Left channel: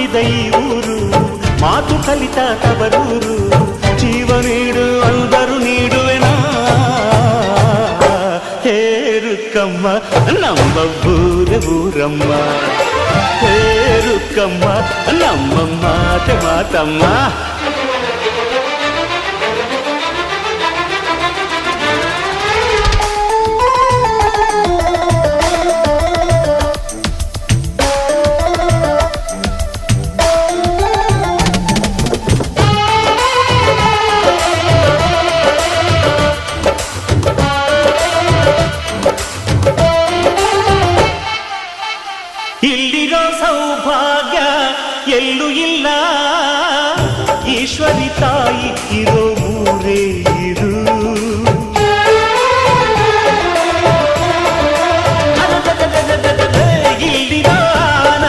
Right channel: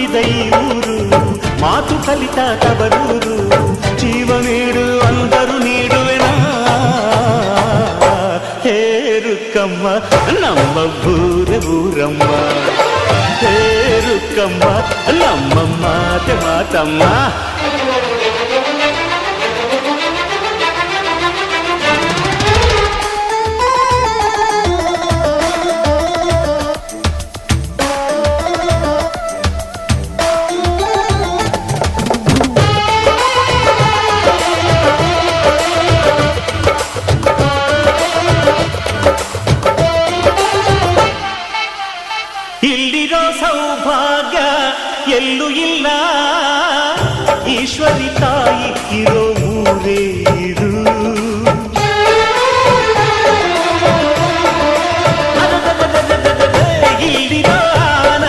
ಹುಟ್ಟಿದ ಈ ಊರು, ಮಾತು ಕಲಿತ ತವರೂರು. ಜೀವ ನೀಡು ಅಂದರು ನೀಡುವೆನಾ, ಹೇರುಕ್ಕಮ್ಮ ನಮ್ಮ ಊರ ಊರಮ್ಮ, ಹೇರುಕ್ಕಮ್ಮ ನಮ್ಮ ಮಾತೆ ಮಾತಮ್ಮ. ಇಲ್ಲಿರೋ ಸೌಭಾಗ್ಯ ಎಲ್ಲೂ ಇಲ್ಲ, ಈಶ್ವರಿ ತಾಯಿ ಇರೋ ಊರೇ ಇದು.